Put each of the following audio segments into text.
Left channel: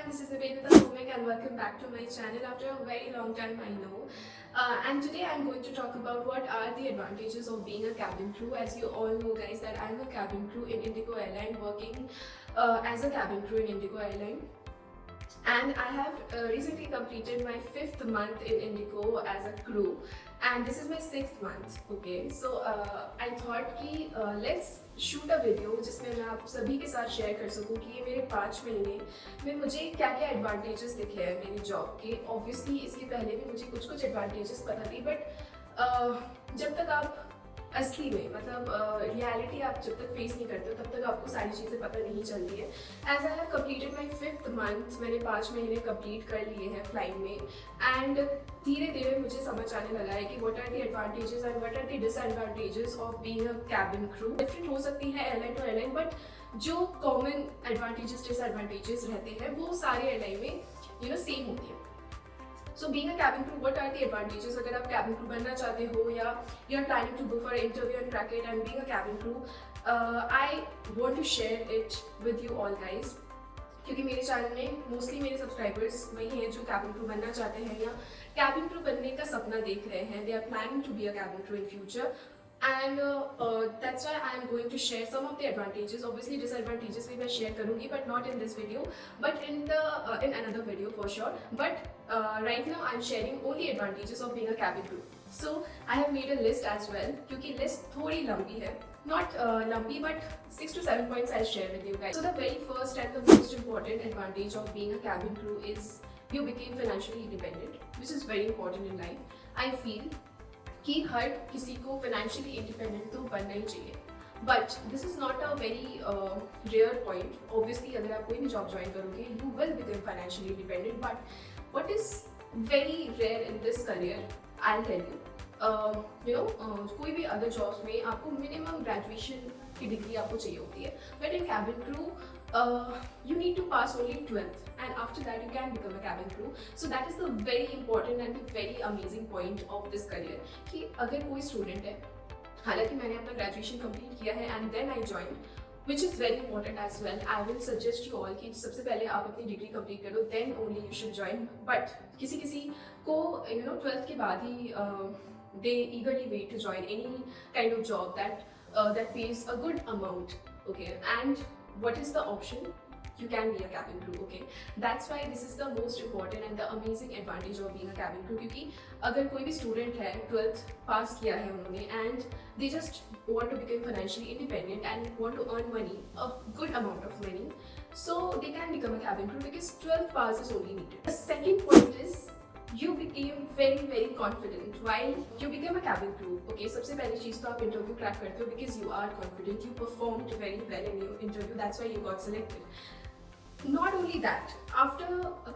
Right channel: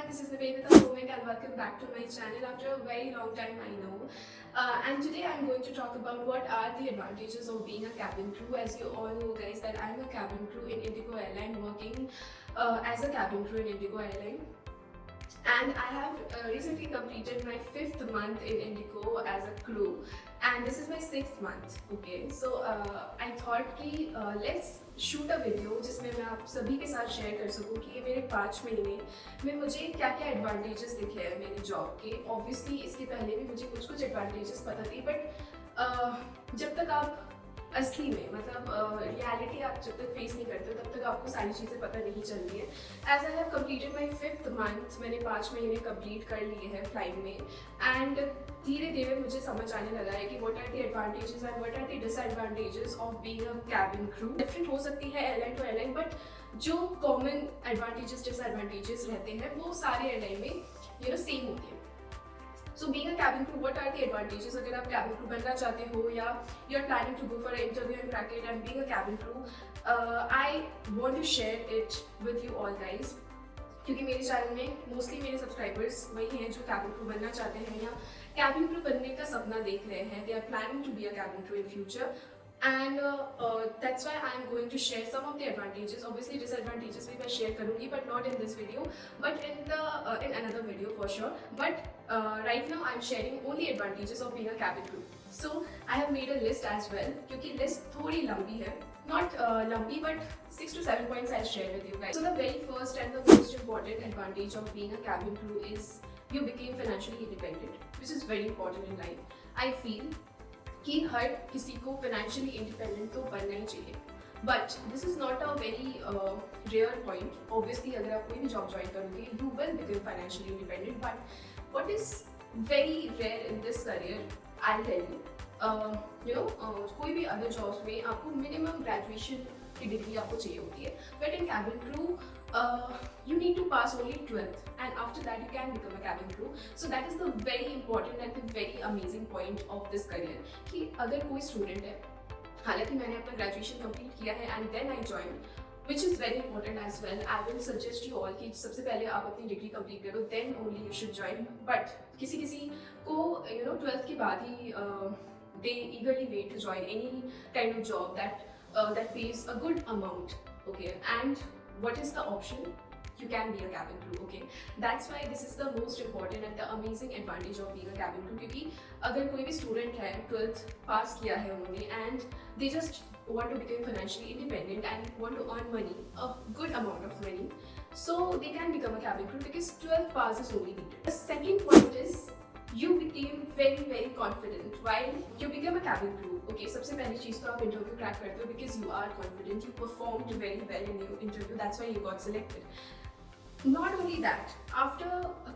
everyone, this is Nivedita Bhumik and welcome back to my channel after a very long time, I know. And today I'm going to talk about what are the advantages of being a cabin crew. As you all know guys that I'm a cabin crew in Indigo Airline, working as a cabin crew in Indigo Airline. And I have recently completed my 5th month in Indigo as a crew, and this is my 6th month. Okay, so I thought कि let's shoot a video जिसमें मैं आप सभी के साथ share कर सकूं कि ये मेरे 5 महीने में मुझे क्या क्या एडवांटेजेस दिखे हैं मेरी जॉब के। ऑब्वियसली इसके पहले भी मुझे कुछ कुछ एडवांटेजेस पता थी, बट जब तक आप असली में मतलब रियलिटी आप जब तक फेस नहीं करते तब तक आपको सारी चीज़ें पता नहीं चलती है। As I have completed my 5th month, मैंने 5 महीने कंप्लीट कर लिए हैं फ्लाइट में, एंड धीरे धीरे मुझे समझ आने लगा है कि what are the advantages and what are the disadvantages of being a cabin crew. Different हो सकती है एयरलाइन टू एयरलाइन, बट जो कॉमन एडवांटेजेस डिसएडवांटेजेस रहते हैं वो सारे एयरलाइन में सेम होती है। So being a cabin crew, what are the advantages? अगर आप cabin crew बनना चाहते हो या you're planning to go for an interview and crack it and being a cabin crew, I want to share it with you all guys, क्योंकि मेरे channel में mostly मेरे सब्सक्राइबर्स वही हैं जो cabin crew बनना चाहते हैं या cabin crew बनने का सपना देख रहे हैं। They are planning to be a cabin crew in future. And that's why I'm going to share some of the advantages. Obviously disadvantages भी मैं share करूँगी, but not in this video, but in another video for sure. But right now I'm sharing only advantages of being a cabin crew. So I have made a list as well, क्योंकि list थोड़ी लंबी है, not लंबी but 6 to 7 points I'll share with you guys. So the very first and the most important advantage of being a cabin crew is you became financially independent, which is very important in life. I feel कि हर किसी को financially independent तो बनना ही चाहिए, but this is not a very rare point. Obviously अगर आप कोई भी जॉब ज्वाइन करोगे you will become financially independent, but what is very rare in this career, I tell you कोई भी अदर जॉब्स में आपको मिनिमम ग्रेजुएशन की डिग्री आपको चाहिए होती है, but in cabin crew you need to pass only 12th and after that you can become a cabin crew. So that is the very important and the very amazing point of this career कि अगर कोई student है, हालांकि मैंने अपना graduation complete किया है and then I join, which is very important as well. I will suggest you all कि सबसे पहले आप अपनी डिग्री कंप्लीट करो, then only you should join. But किसी किसी को 12th के बाद ही they eagerly wait to join any kind of job that pays a good amount. Okay, and what is the option? You can be a cabin crew. Okay, that's why this is the most important and the amazing advantage of being a cabin crew. क्योंकि अगर कोई भी student है 12th पास किया है उन्होंने and they just want to become financially independent and want to earn money, a good amount of money, so they can become a cabin crew because 12th pass is only needed. The second point is you became very confident while you become a cabin crew. Okay, सबसे पहली चीज़ तो आप interview crack करते हो because you are confident, you performed very well in your interview, that's why you got selected. Not only that, after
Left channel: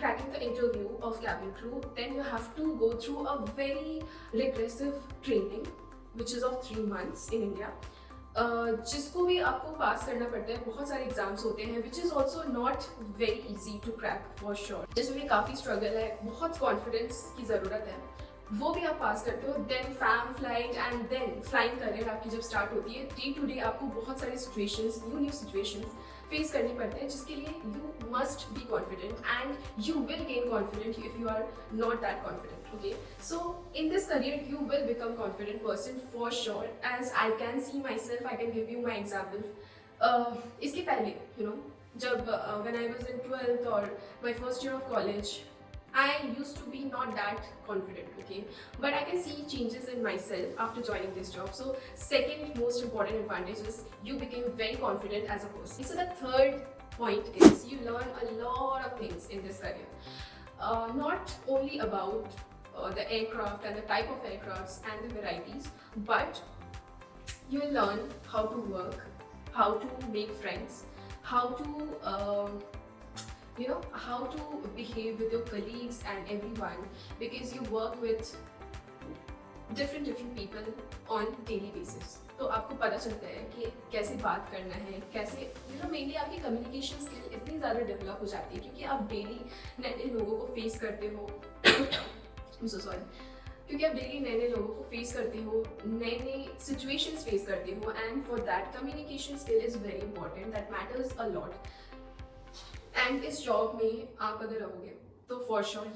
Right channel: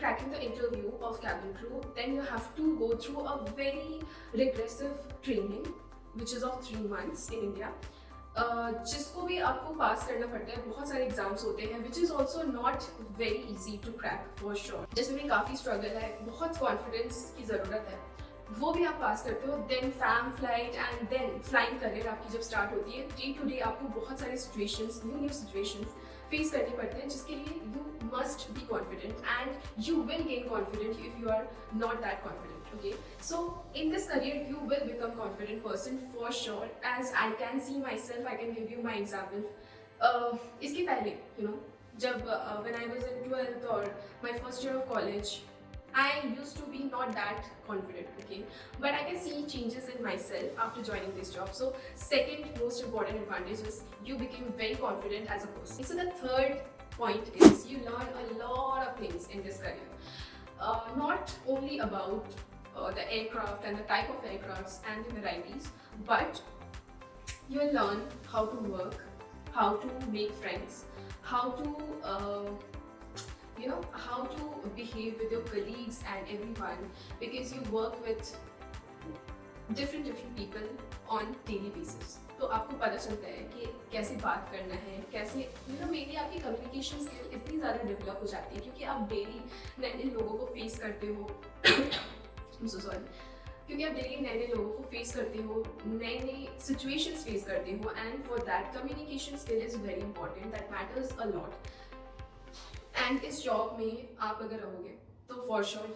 cracking the interview of cabin crew, then you have to go through a very regressive training which is of 3 months in India, जिसको भी आपको पास करना पड़ता है। बहुत सारे exams होते हैं which is also not very easy to crack for sure, जिसमें भी काफ़ी स्ट्रगल है, बहुत कॉन्फिडेंस की ज़रूरत है, वो भी आप पास करते हो। Then fam flight and then flying career आपकी जब स्टार्ट होती है, डे टू डे आपको बहुत सारी सिचुएशंस, न्यू सिचुएशंस फेस करने पड़ते हैं, जिसके लिए you must be confident and you will gain confident if you are not that confident. Okay, so in this career you will become confident person for sure, as I can see myself. I can give you my example. इसके पहले जब when I was in 12th or my first year of college, I used to be not that confident, okay, but I can see changes in myself after joining this job. So second most important advantage is you became very confident as a person. So the third point is you learn a lot of things in this career, not only about the aircraft and the type of aircrafts and the varieties, but you will learn how to work, how to make friends, how to how to behave with your colleagues and everyone, because you work with different people on daily basis. तो आपको पता चलता है कि कैसे बात करना है, कैसे मेनली आपकी कम्युनिकेशन स्किल इतनी ज़्यादा डेवलप हो जाती है क्योंकि आप डेली नए नए लोगों को फेस करते हो क्योंकि आप डेली नए नए लोगों को फेस करते हो, नए नए सिचुएशंस फेस करते हो, and for that communication skill is very important, that matters a lot. And इस जॉब में आप अगर रहोगे तो फॉर श्योर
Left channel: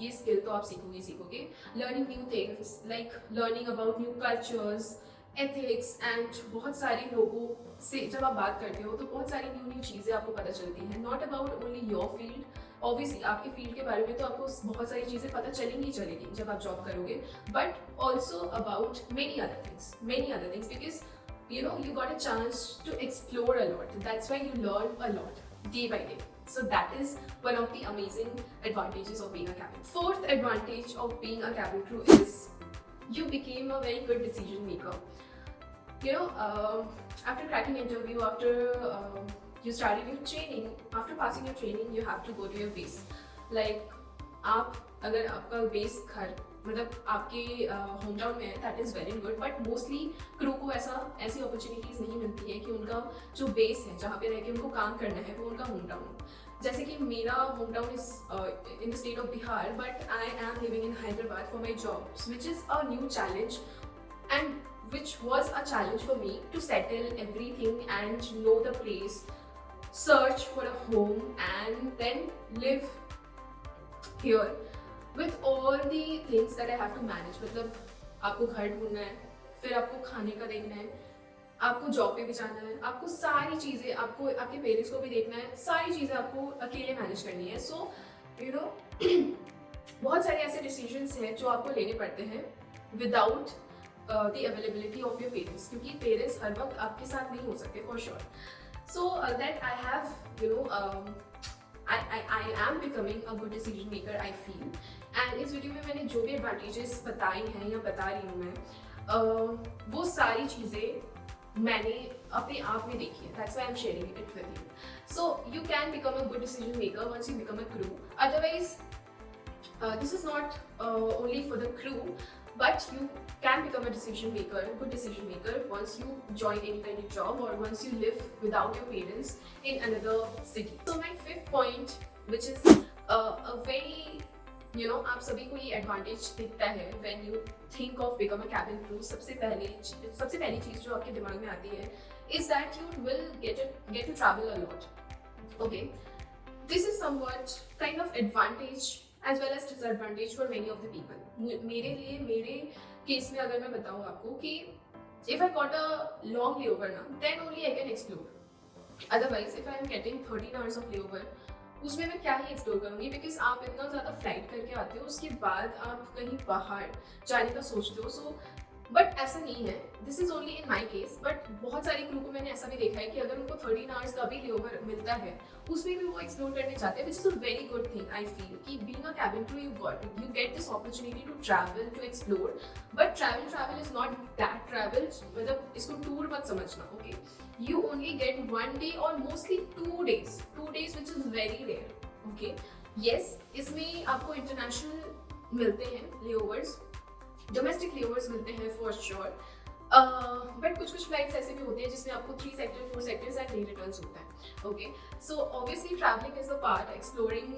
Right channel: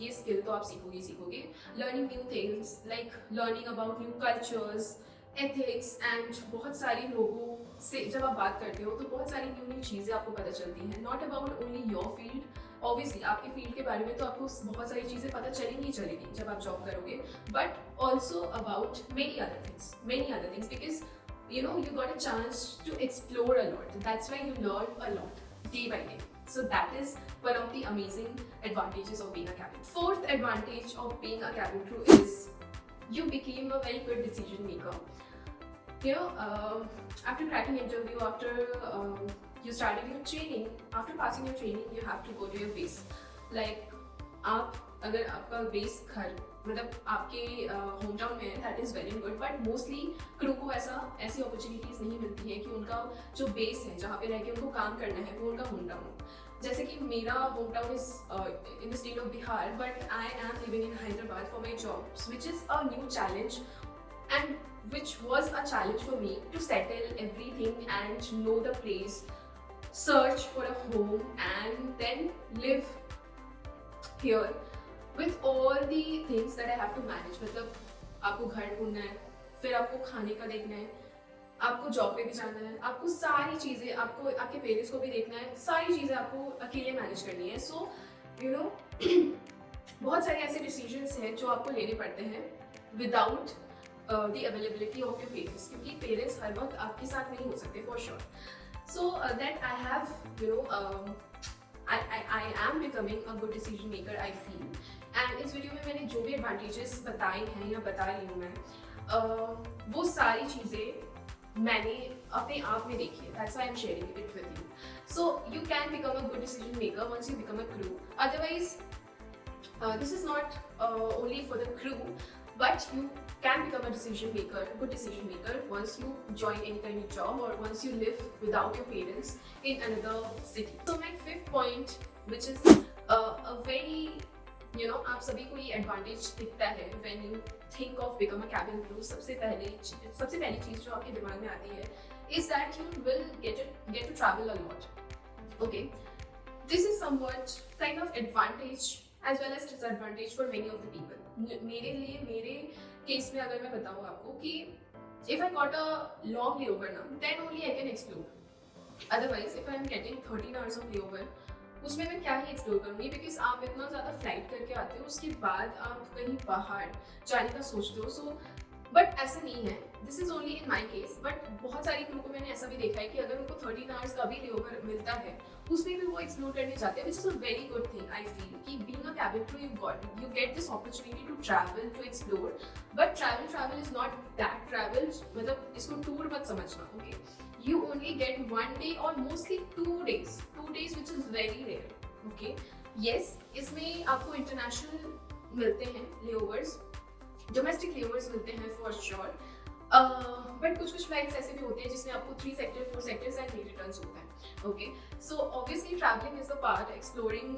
ये स्किल तो आप सीखोगे learning new things, like learning about new cultures, ethics and बहुत सारे लोगों से जब आप बात करते हो तो बहुत सारी न्यू चीज़ें आपको पता चलती हैं, not about only your field. Obviously आपके फील्ड के बारे में तो आपको बहुत सारी चीज़ें पता चलेंगी जब आप जॉब करोगे, but also about many other things because you got a chance to explore a lot. That's why you learn a lot day by day. So that is one of the amazing advantages of being a cabin. Fourth advantage of being a cabin crew is you became a very good decision maker. After cracking interview, after you started your training, after passing your training, you have to go to your base. Like आप अगर आपका base घर मतलब आपके home town में है, that is very good, but mostly crew को ऐसी अपॉर्चुनिटीज़ नहीं मिलती है कि उनका जो बेस है जहाँ पे रह के उनको काम करना है वो उनका होम टाउन हो। जैसे कि मेरा home town is in the state of Bihar, but I am living in Hyderabad for my job, which is a new challenge and which was a challenge for me to settle everything and know the place, search for a home and then live here with all the things that I have to manage. मतलब आपको घर ढूंढना है, फिर आपको खाने का देखना है, आपको जॉब पे भी जाना है, आपको सारी चीज़ें, आपको आपके पेरेंट्स को भी देखना है, सारी चीज़ें आपको अकेले मैनेज करनी है। सो बहुत सारे ऐसे डिसीजंस हैं जो आपको लेने पड़ते हैं without the availability of your parents, क्योंकि पेरेंट्स हर वक्त आपके साथ नहीं हो सकते for sure. So that I have I am becoming a good decision maker, I feel. And इस वीडियो में मैंने जो भी एडवांटेजेस बताए हैं या बता रही हूँ मैं, वो सारी चीज़ें मैंने अपने आप में देखी है. That's why I'm sharing it with you. So you can become a good decision maker once you become a crew. Otherwise, this is not only for the crew, but you can become a good decision maker once you join any kind of job or once you live without your parents in another city. So my fifth point, which is a very, आप सभी को ये advantage दिखता है when you think of become a cabin crew. सबसे पहली चीज जो आपके दिमाग में आती है is that you will get to travel a lot. Okay, this is somewhat kind of advantage as well as disadvantage for many of the people. मेरे केस में अगर मैं बताऊँ आपको कि if I got a long layover now, then only I can explore. Otherwise, if I am getting 13 hours of layover, उसमें मैं क्या ही एक्सप्लोर करूँगी, बिकॉज आप इतना ज़्यादा फ्लाइट करके आते हो, उसके बाद आप कहीं बाहर जाने का सोचते हो. सो बट ऐसा नहीं है, this is only in my case. But बहुत सारी क्रू को मैंने ऐसा भी देखा है कि अगर उनको 13 आवर्स का भी लेओवर मिलता है, उसमें भी वो एक्सप्लोर करने जाते हैं, which is a very good thing. I feel कि being a cabin crew you get this opportunity to travel, to explore. But travel is not that travel, मतलब इसको टूर मत समझना. Okay, you only get 1 day or mostly 2 days, which is very rare. Okay, yes, इसमें आपको international मिलते हैं लेओवर्स, domestic लेओवर्स मिलते हैं फॉर श्योर. बट कुछ फ्लाइट्स ऐसे भी होते हैं जिसमें आपको 3 सेक्टर 4 सेक्टर्स एंड रिटर्न्स होता है. Okay, so obviously travelling is a part, exploring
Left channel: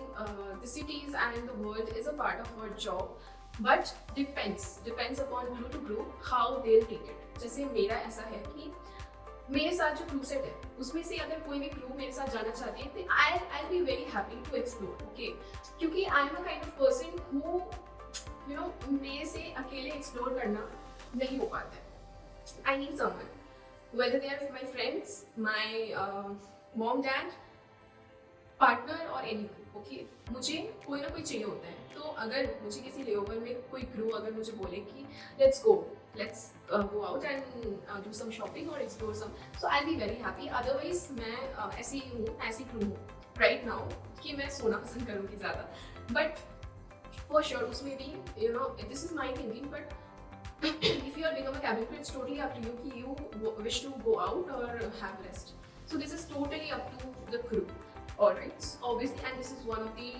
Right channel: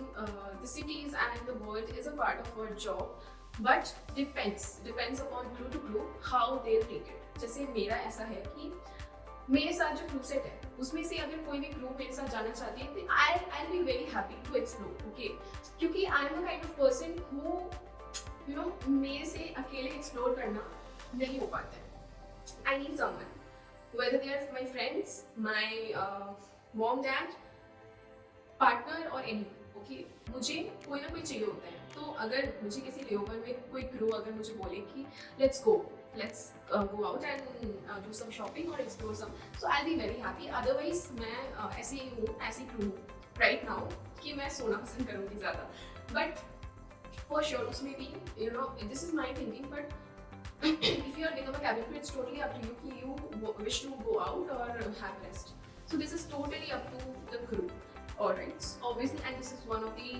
the cities and the world is a part of our job. But depends upon crew to crew how they take it. जैसे मेरा ऐसा है कि मेरे साथ जो क्रू सेट है उसमें से अगर कोई भी क्रू मेरे साथ जाना चाहते हैं, तो I be very happy to explore. Okay, क्योंकि I am a kind of person who मेरे से अकेले एक्सप्लोर करना नहीं हो पाता है. I need someone, whether they are my friends, my mom dad, partner और एनीवन. ओके, मुझे कोई ना कोई चाहिए होता है. तो अगर मुझे किसी लेओवर में कोई क्रू अगर मुझे बोले कि let's go out and do some shopping or explore some, so I'll be very happy. Otherwise मैं ऐसी क्रू हूँ right now कि मैं सोना पसंद करूँगी ज़्यादा. But for sure उसमें भी this is my thinking, but if you are become a cabin crew, it's totally up to you कि you wish to go out or have rest. So this is totally up to the crew. Alright, obviously, and this is one of the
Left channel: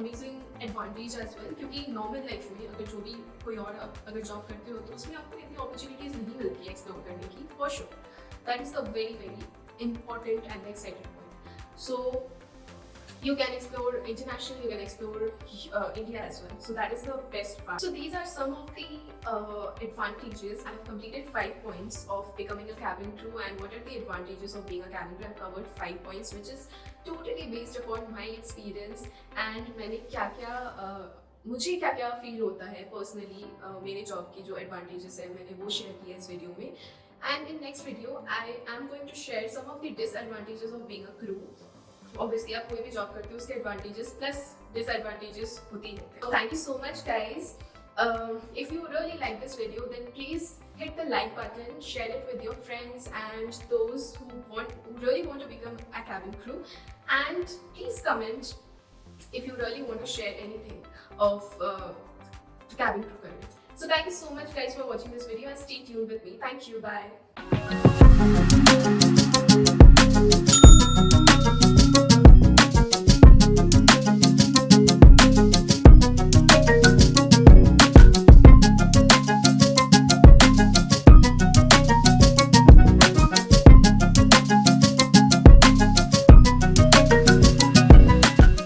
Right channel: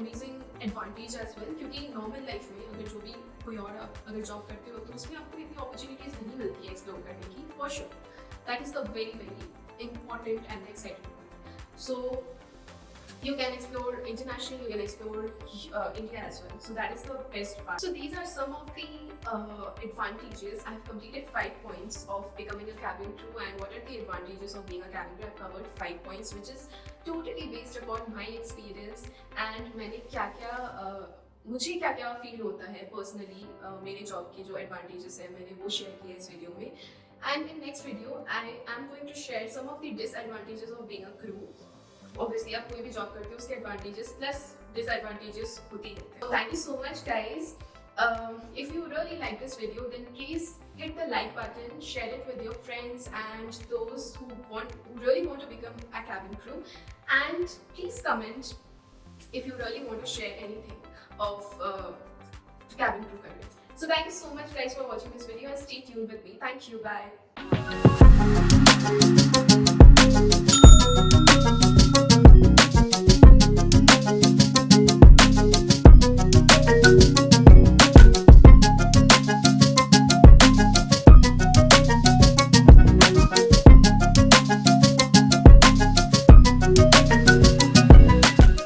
amazing advantage as well, क्योंकि normal life में अगर जो भी कोई और आप अगर जॉब करते हो तो उसमें आपको इतनी अपॉर्चुनिटीज नहीं मिलती है एक्सप्लोर करने की. For sure, that is the very important and exciting point. So you can explore international, you can explore India as well. So that is the best part. So these are some of the advantages. I have completed 5 points of becoming a cabin crew, and what are the advantages of being a cabin crew. I have covered 5 points, which is totally based upon my experience and मैंने क्या क्या मुझे क्या क्या feel होता है personally मेरे job की जो एडवांटेजेस है मैंने वो शेयर किया इस वीडियो में. And in next video I am going to share some of the disadvantages of being a crew. Obviously आप कोई भी जॉब करते हो उसके एडवांटेजेस प्लस डिसएडवांटेजेस होते ही होते हैं. Thank you so much guys. If you really like this video, then please hit the like button, share it with your friends and those who really want to become a cabin crew, and please comment if you really want to share anything of cabin crew career. So thank you so much guys for watching this video and stay tuned with me. Thank you. Bye.